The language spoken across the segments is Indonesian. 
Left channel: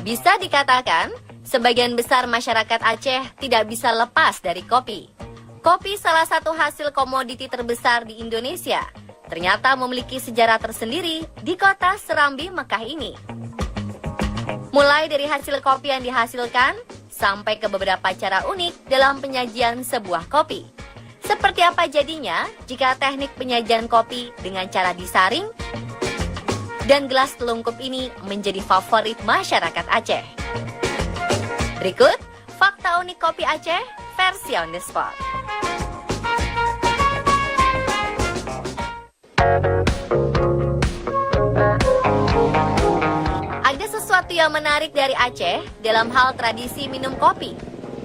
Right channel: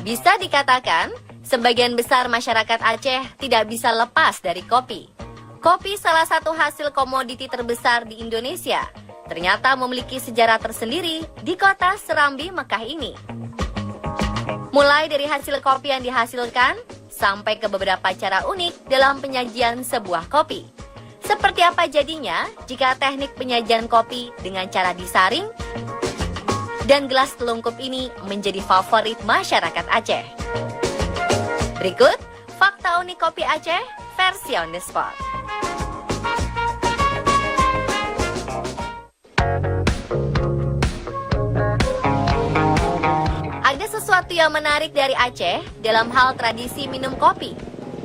Bisa dikatakan, sebagian besar masyarakat Aceh tidak bisa lepas dari kopi. Kopi salah satu hasil komoditi terbesar di Indonesia. Ternyata memiliki sejarah tersendiri di kota Serambi, Mekah ini. Mulai dari hasil kopi yang dihasilkan, sampai ke beberapa cara unik dalam penyajian sebuah kopi. Seperti apa jadinya jika teknik penyajian kopi dengan cara disaring dan gelas telungkup ini menjadi favorit masyarakat Aceh. Berikut fakta unik kopi Aceh versi on the spot. Ada sesuatu yang menarik dari Aceh dalam hal tradisi minum kopi.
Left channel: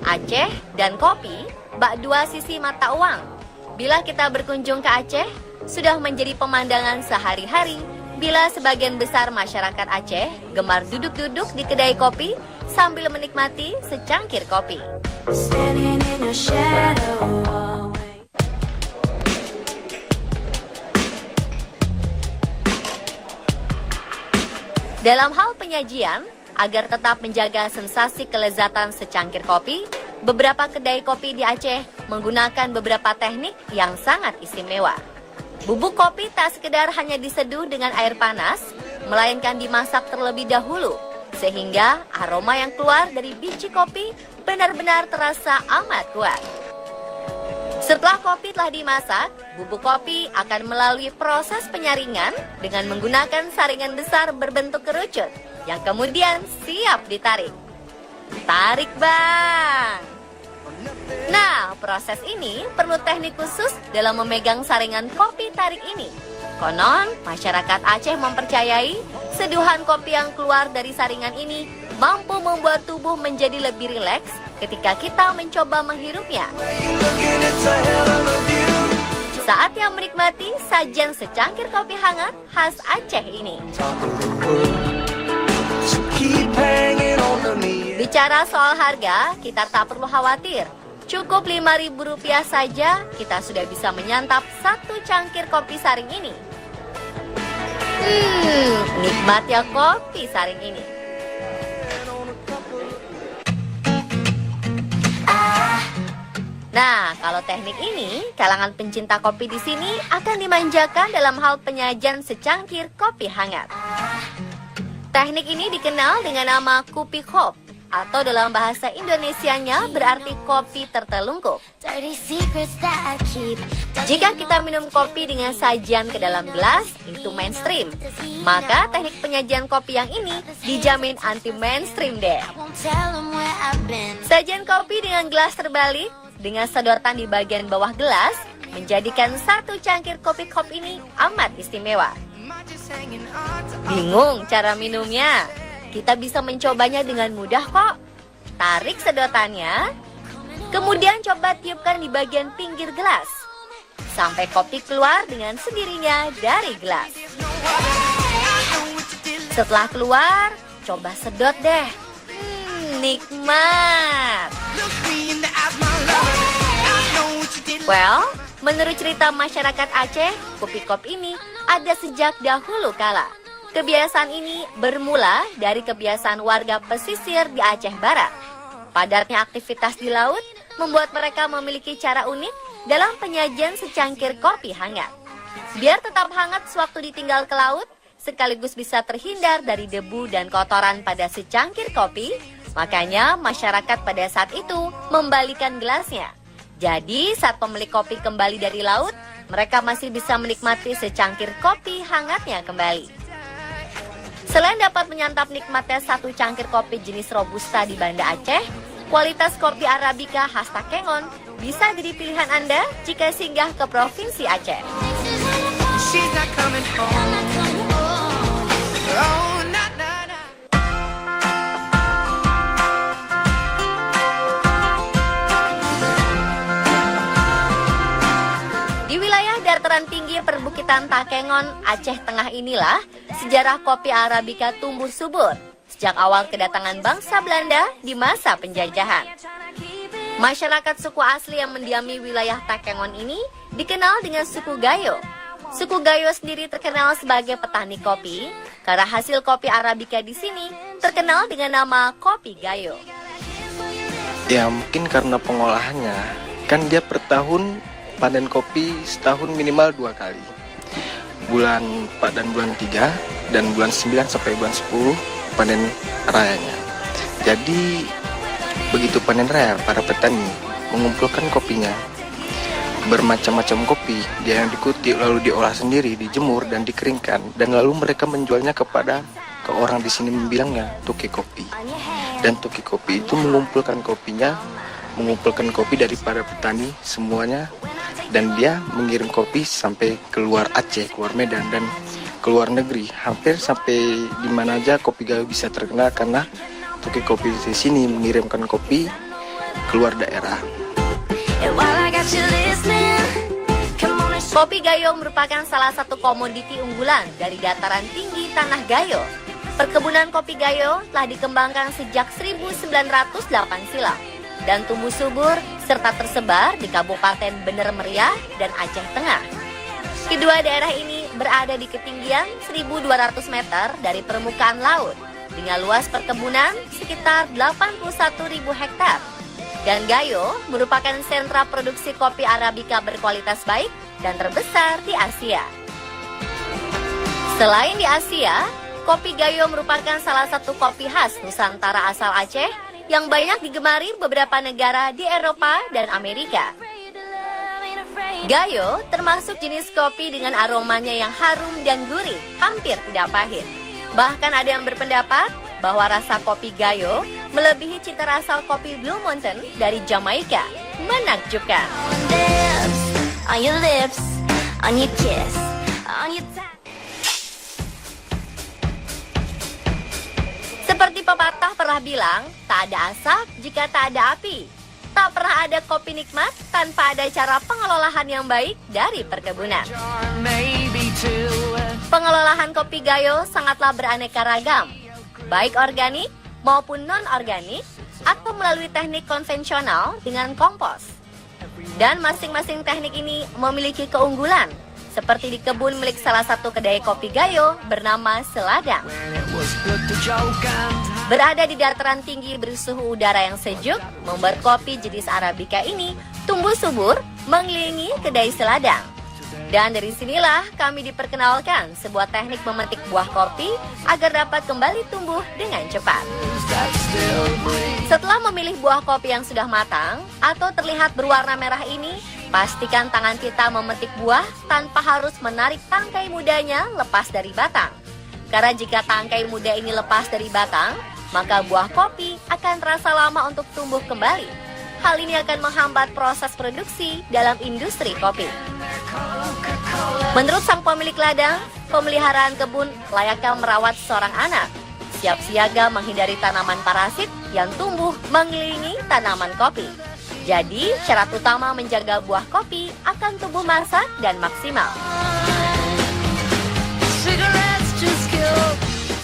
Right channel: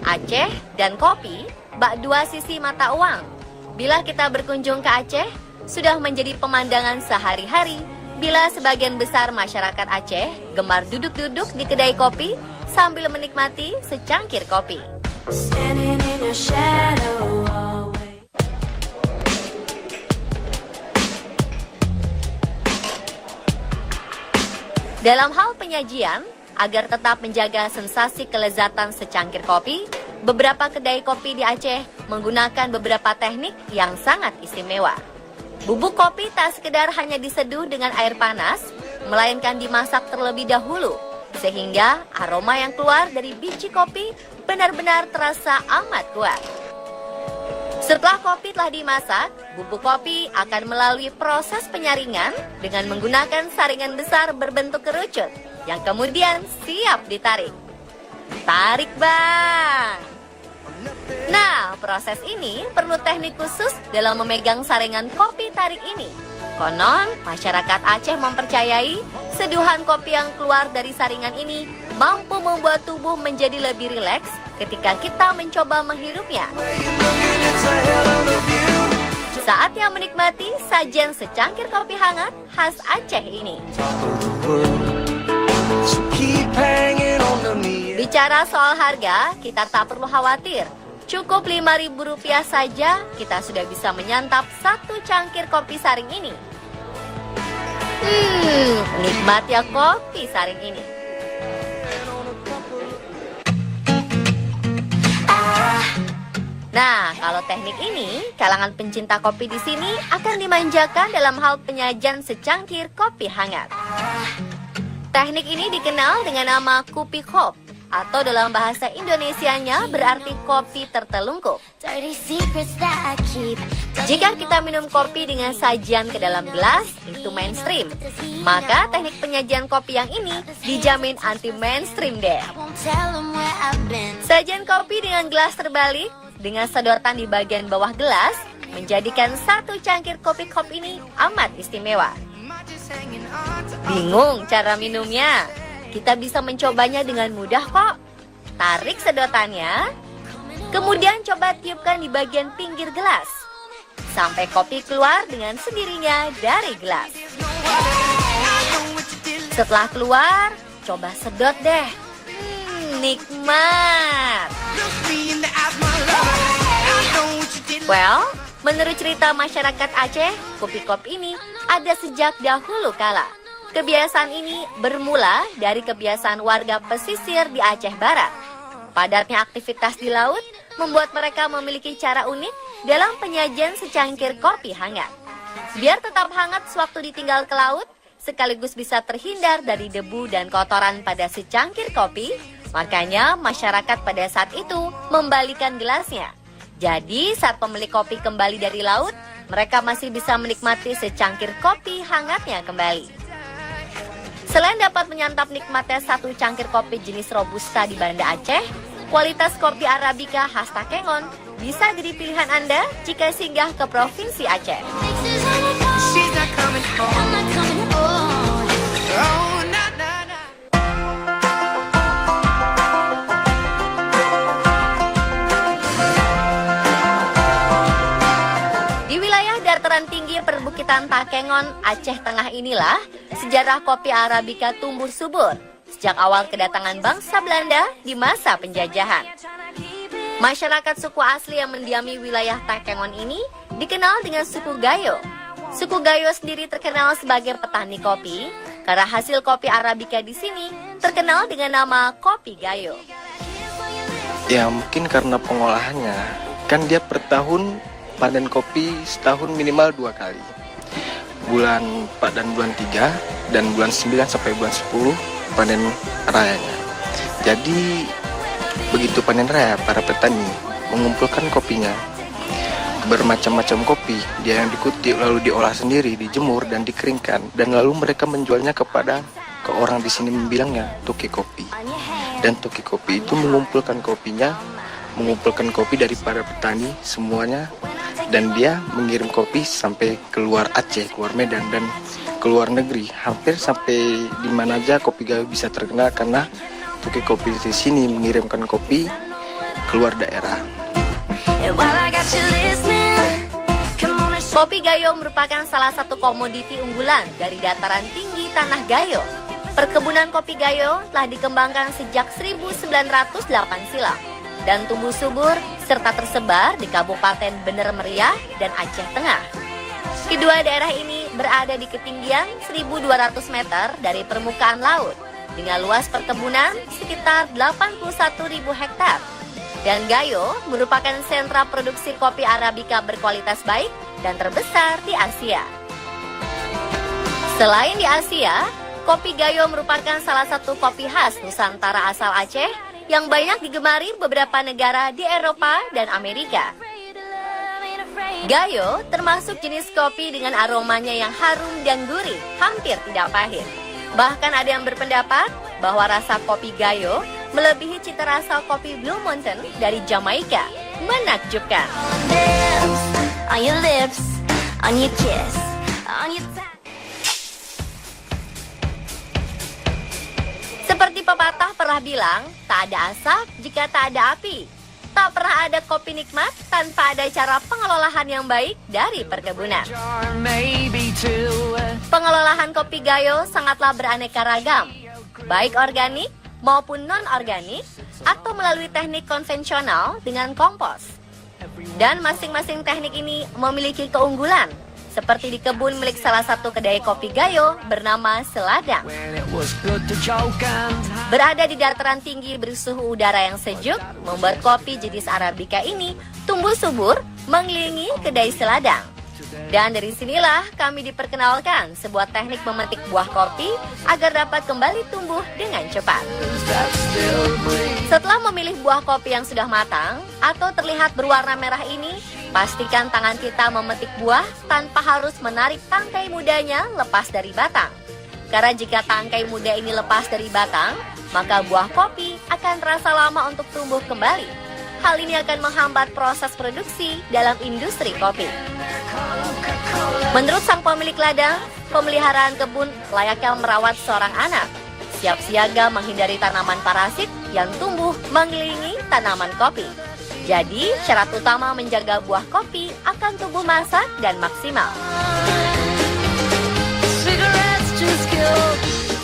Aceh dan kopi bak dua sisi mata uang. Bila kita berkunjung ke Aceh, sudah menjadi pemandangan sehari-hari bila sebagian besar masyarakat Aceh gemar duduk-duduk di kedai kopi sambil menikmati secangkir kopi. Dalam hal penyajian, agar tetap menjaga sensasi kelezatan secangkir kopi, beberapa kedai kopi di Aceh menggunakan beberapa teknik yang sangat istimewa. Bubuk kopi tak sekedar hanya diseduh dengan air panas, melainkan dimasak terlebih dahulu, sehingga aroma yang keluar dari biji kopi benar-benar terasa amat kuat. Setelah kopi telah dimasak, bubuk kopi akan melalui proses penyaringan dengan menggunakan saringan besar berbentuk kerucut yang kemudian siap ditarik. Tarik, Bang! Nah, proses ini perlu teknik khusus dalam memegang saringan kopi tarik ini. Konon, masyarakat Aceh mempercayai seduhan kopi yang keluar dari saringan ini mampu membuat tubuh menjadi lebih rileks ketika kita mencoba menghirupnya. Saatnya menikmati sajian secangkir kopi hangat khas Aceh ini. Bicara soal harga, kita tak perlu khawatir. Cukup Rp5.000 saja, kita sudah bisa menyantap satu cangkir kopi saring ini. Nikmat ya kopi saring ini. Nah, kalau teknik ini, kalangan pencinta kopi di sini akan dimanjakan dalam hal penyajian secangkir kopi hangat. Teknik ini dikenal dengan nama kupi kop, atau dalam bahasa Indonesianya berarti kopi tertelungkup. Jika kita minum kopi dengan sajian ke dalam gelas, itu mainstream. Maka teknik penyajian kopi yang ini dijamin anti mainstream deh. Sajian kopi dengan gelas terbalik, dengan sedotan di bagian bawah gelas, menjadikan satu cangkir kopi kop ini amat istimewa. Bingung cara minumnya? Kita bisa mencobanya dengan mudah kok. Tarik sedotannya, kemudian coba tiupkan di bagian pinggir gelas, sampai kopi keluar dengan sendirinya dari gelas. Setelah keluar, coba sedot deh. Nikmat. Well, menurut cerita masyarakat Aceh, kopi kop ini ada sejak dahulu kala. Kebiasaan ini bermula dari kebiasaan warga pesisir di Aceh Barat. Padatnya aktivitas di laut membuat mereka memiliki cara unik dalam penyajian secangkir kopi hangat. Biar tetap hangat sewaktu ditinggal ke laut, sekaligus bisa terhindar dari debu dan kotoran pada secangkir kopi, makanya masyarakat pada saat itu membalikan gelasnya. Jadi saat pemilik kopi kembali dari laut, mereka masih bisa menikmati secangkir kopi hangatnya kembali. Selain dapat menyantap nikmatnya satu cangkir kopi jenis Robusta di Banda Aceh, kualitas kopi Arabica khas Takengon bisa jadi pilihan Anda jika singgah ke Provinsi Aceh. Perbukitan Takengon, Aceh Tengah inilah sejarah kopi Arabica tumbuh subur sejak awal kedatangan bangsa Belanda di masa penjajahan. Masyarakat suku asli yang mendiami wilayah Takengon ini dikenal dengan suku Gayo. Suku Gayo sendiri terkenal sebagai petani kopi karena hasil kopi Arabica di sini terkenal dengan nama kopi Gayo. Ya mungkin karena pengolahannya, kan dia per tahun panen kopi setahun minimal 2 kali. Panen bulan 3 dan bulan 9 sampai bulan 10 panen rayanya. Jadi begitu panen raya, para petani mengumpulkan kopinya. Bermacam-macam kopi dia yang dikutik lalu diolah sendiri, dijemur dan dikeringkan, dan lalu mereka menjualnya ke orang di sini bilangnya toki kopi. Dan toki kopi itu mengumpulkan kopi dari para petani semuanya, dan dia mengirim kopi sampai keluar Aceh, keluar Medan, dan keluar negeri. Hampir sampai di mana aja kopi Gayo bisa terkenal karena toki kopi di sini mengirimkan kopi keluar daerah. Kopi Gayo merupakan salah satu komoditi unggulan dari dataran tinggi Tanah Gayo. Perkebunan kopi Gayo telah dikembangkan sejak 1908 silam dan tumbuh subur serta tersebar di Kabupaten Bener Meriah dan Aceh Tengah. Kedua daerah ini berada di ketinggian 1.200 meter dari permukaan laut dengan luas perkebunan sekitar 81.000 hektar. Dan Gayo merupakan sentra produksi kopi Arabica berkualitas baik dan terbesar di Asia. Selain di Asia, kopi Gayo merupakan salah satu kopi khas Nusantara asal Aceh yang banyak digemari beberapa negara di Eropa dan Amerika. Gayo termasuk jenis kopi dengan aromanya yang harum dan gurih, hampir tidak pahit. Bahkan ada yang berpendapat bahwa rasa kopi Gayo melebihi cita rasa kopi Blue Mountain dari Jamaika. Menakjubkan. On your lips, on your kiss, on your tongue. Seperti pepatah pernah bilang, tak ada asap jika tak ada api. Tak pernah ada kopi nikmat tanpa ada cara pengelolaan yang baik dari perkebunan. Pengelolaan kopi Gayo sangatlah beraneka ragam, baik organik maupun non-organik atau melalui teknik konvensional dengan kompos. Dan masing-masing teknik ini memiliki keunggulan, seperti di kebun milik salah satu kedai kopi Gayo bernama Seladang. Berada di dataran tinggi bersuhu udara yang sejuk, membuat kopi jenis Arabica ini tumbuh subur mengelilingi kedai Seladang. Dan dari sinilah kami diperkenalkan sebuah teknik memetik buah kopi agar dapat kembali tumbuh dengan cepat. Setelah memilih buah kopi yang sudah matang atau terlihat berwarna merah ini, pastikan tangan kita memetik buah tanpa harus menarik tangkai mudanya lepas dari batang. Karena jika tangkai muda ini lepas dari batang, maka buah kopi akan terasa lama untuk tumbuh kembali. Hal ini akan menghambat proses produksi dalam industri kopi. Menurut sang pemilik ladang, pemeliharaan kebun layaknya merawat seorang anak. Siap siaga menghindari tanaman parasit yang tumbuh mengelilingi tanaman kopi. Jadi, syarat utama menjaga buah kopi akan tumbuh masak dan maksimal.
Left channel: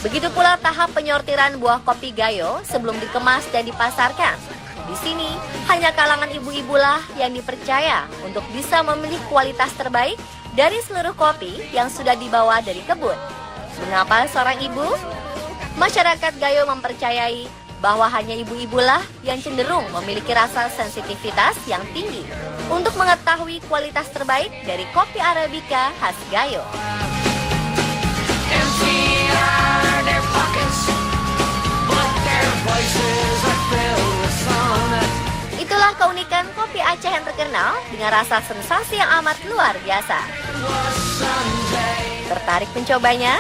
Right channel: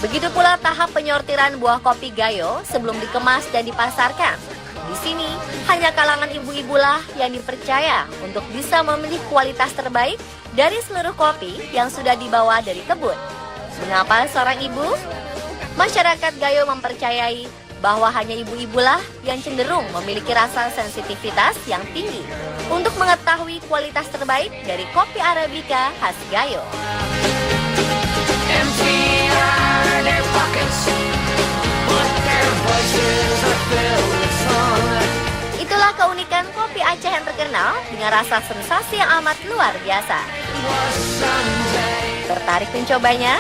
Begitu pula tahap penyortiran buah kopi Gayo sebelum dikemas dan dipasarkan. Di sini, hanya kalangan ibu-ibulah yang dipercaya untuk bisa memilih kualitas terbaik dari seluruh kopi yang sudah dibawa dari kebun. Mengapa seorang ibu? Masyarakat Gayo mempercayai bahwa hanya ibu-ibulah yang cenderung memiliki rasa sensitivitas yang tinggi untuk mengetahui kualitas terbaik dari kopi Arabica khas Gayo. Itulah keunikan kopi Aceh yang terkenal dengan rasa sensasi yang amat luar biasa. Tertarik mencobanya?